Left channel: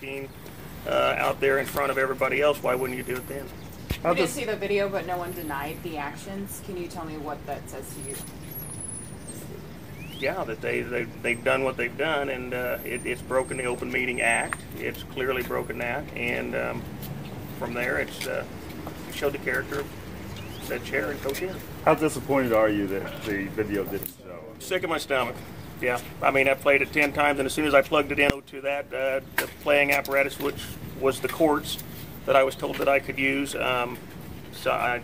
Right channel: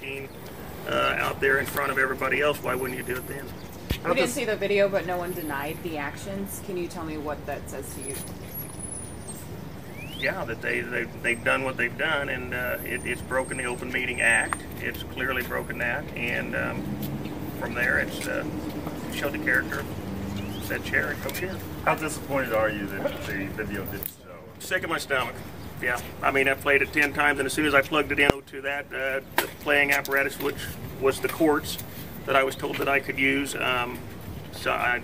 routine out there in front of everybody else, why wouldn't you do it then? We didn't see the video, but no one denied the actions. Can you tell me what that says to you? Yeah, that they've done what they've done, and it's broken the Open Meeting Act. It's clearly broken that, and from there, it's showed the character of said chair and co-chair. How disappointed are you that the video didn't show? Sick of my stomach. Yeah, I mean, I've played it 10 times, and as soon as I plugged it into that the playing apparatus, which was the courts that I was told that I could use, so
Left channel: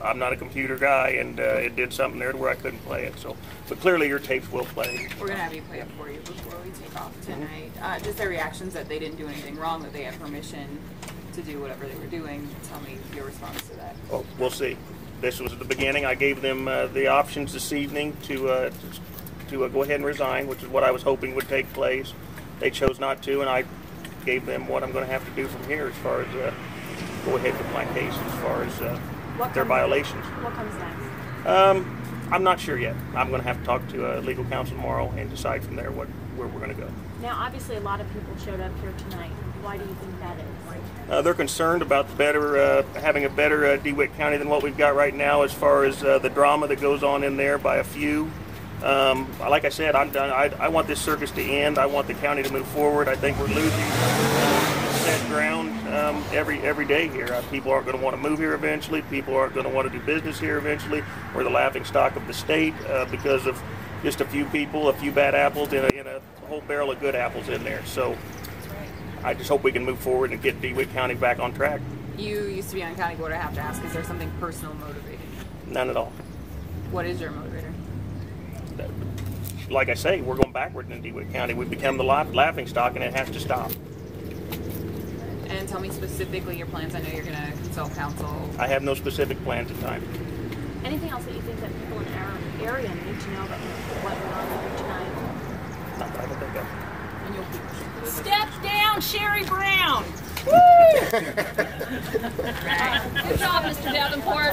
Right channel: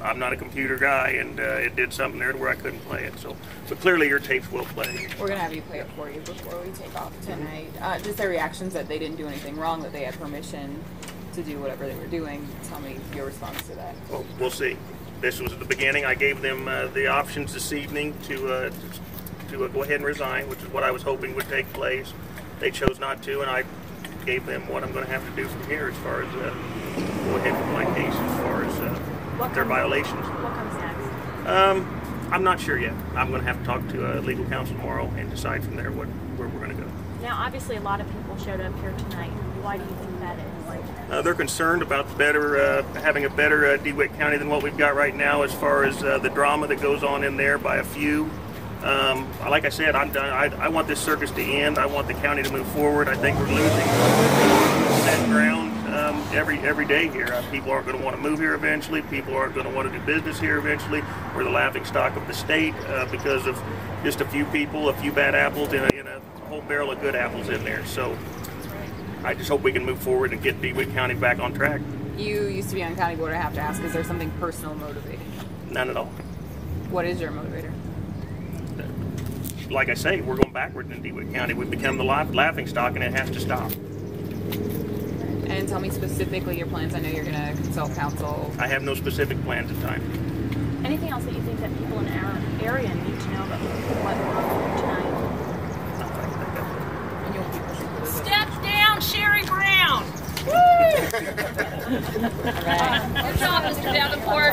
I'm not a computer guy, and it did something there where I couldn't play it. So, but clearly your tapes will play. We're gonna have you play it for you before we take off tonight. Just their reactions that they didn't do anything wrong, that they had permission to do whatever they were doing. Tell me your response to that. Well, we'll see. This was at the beginning. I gave them the options this evening to go ahead and resign, which is what I was hoping would take place. They chose not to, and I gave them what I'm going to have to do from here as far as go ahead with my case as far as their violations. What comes next? I'm not sure yet. I'm going to have to talk to legal counsel tomorrow and decide from there where we're going to go. Now, obviously, a lot of people showed up here tonight. Why do you think that is? They're concerned about having a better DeWitt County than what we've got right now as far as the drama that goes on in there by a few. Like I said, I'm done. I want this circus to end. I want the county to move forward. I think we're losing that ground every day here. People aren't going to want to move here eventually. People aren't going to want to do business here eventually. We're the laughing stock of the state because of just a few people, a few bad apples in a whole barrel of good apples in there. So I just hope we can move forward and get DeWitt County back on track. You used to be on county board. I have to ask, is there something personal motivating you? None at all. What is your motivator? Like I say, we're going backwards in DeWitt County. We've become the laughing stock, and it has to stop. And tell me specifically your plans. I know you're going to consult counsel. I have no specific plans at the time. Anything else that you think that people in our area need to know that went wrong tonight? Step down, Sherry Brown! Woo! Good job, Mr. Davenport.